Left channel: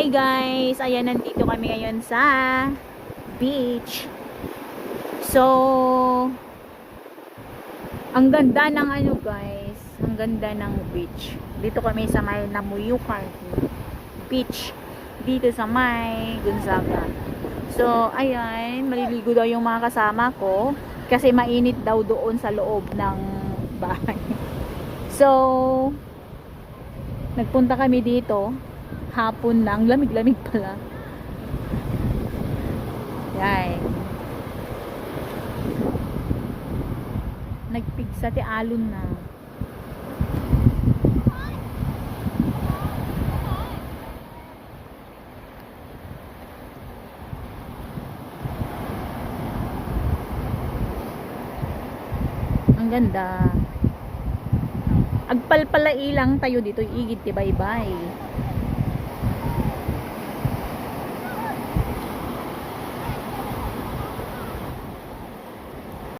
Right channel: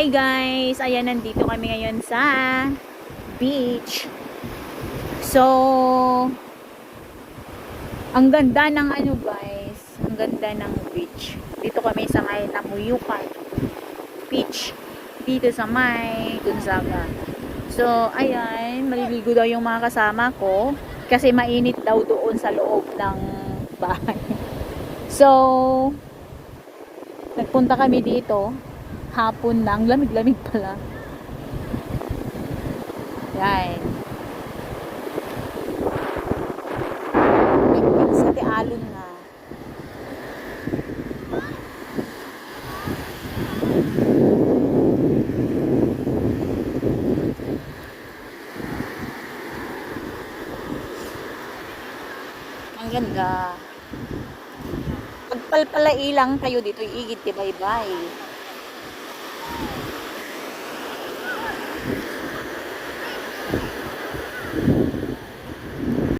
Hi guys! Ayan, nandito kami ngayon sa beach. So, ang ganda ng ano guys, ang ganda ng beach. Dito kami sa may Namuyukan Beach. Dito sa may Gonzaga. So, ayan, maliligo daw yung mga kasama ko kasi mainit daw doon sa loob ng bahay. So, nagpunta kami dito hapon lang, lamig-lamig pala. Yan. Nag-pick sa Tialon na. Ang ganda. Agpalpalai lang tayo dito, igid ti bye-bye.